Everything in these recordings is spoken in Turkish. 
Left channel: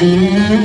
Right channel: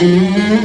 Bir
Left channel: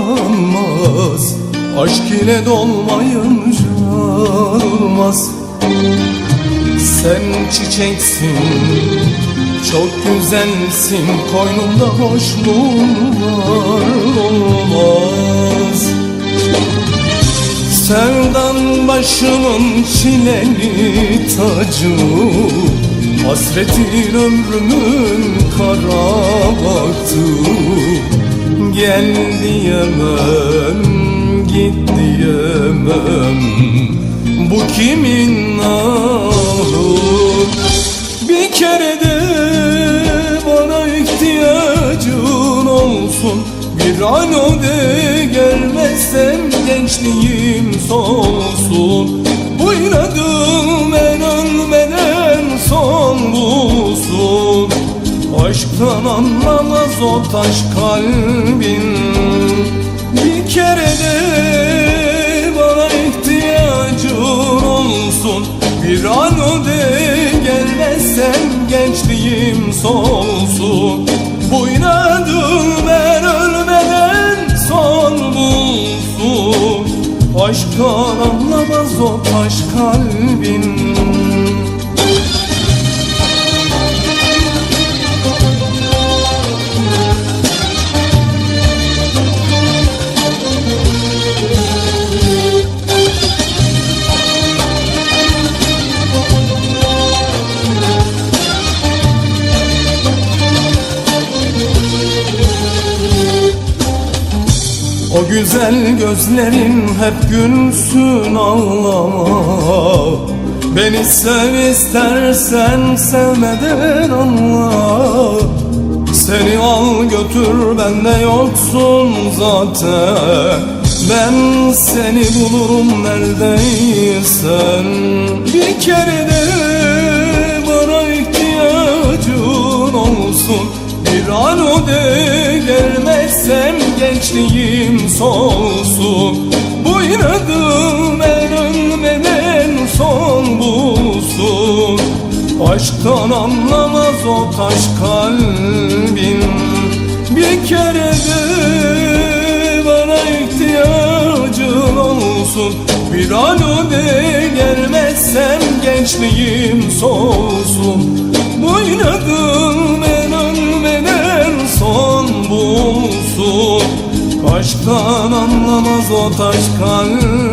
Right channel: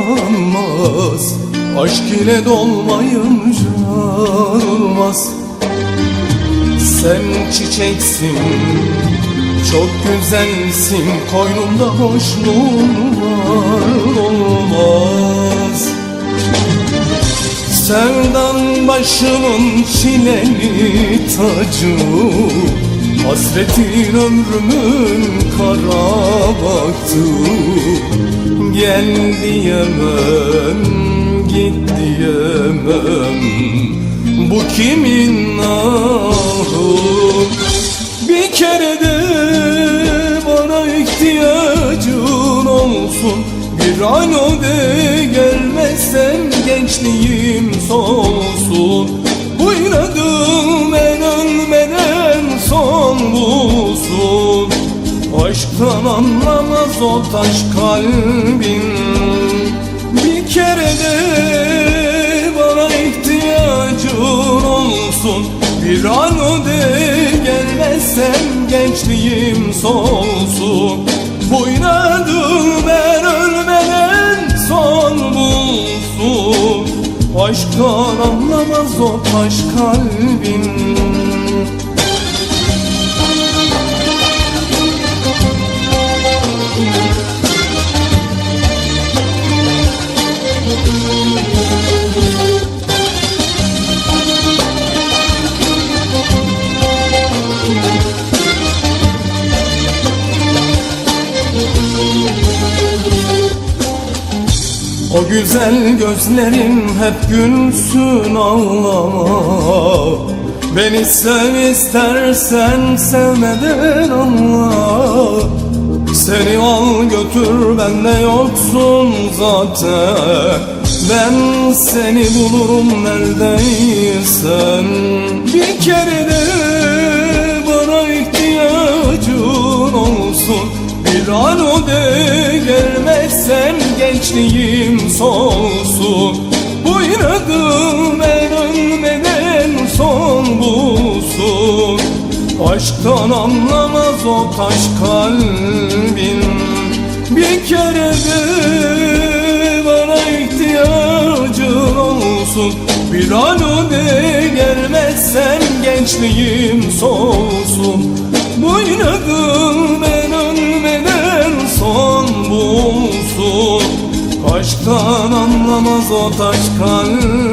akıllanmaz Aşk ile dolmayınca olmaz. Sen çiçeksin çok güzelsin Koynumda boşluğun var olmaz. Sevdan başımın çileli tacı Hasretin ömrümün kara baktı Gel diyemem, git diyemem Bu kimin ahı Bir kere de bana ihtiyacın olsun. Bir an o de gelmezsem gençliğim Aşktan anlamaz o taş kalbin Bir kere de bana ihtiyacın olsun. Bir an o de gelmezsem gençliğim solsun Bu inadım ben ölmeden son bulsun. Aşktan O güzel gözlerin hep gülsün ağlama Beni sev istersen sevmeden anla Seni al götür bende yoksun zaten. Ben seni bulurum neredeysen Bir kere de gençliğim solsun Bu inadım en ölmeden son bulsun. Aşktan anlamaz o taş kalbin Bir kere de bana ihtiyacın olsun. Bir an o de gelmezsem gençliğim solsun anlamaz o taş kalbin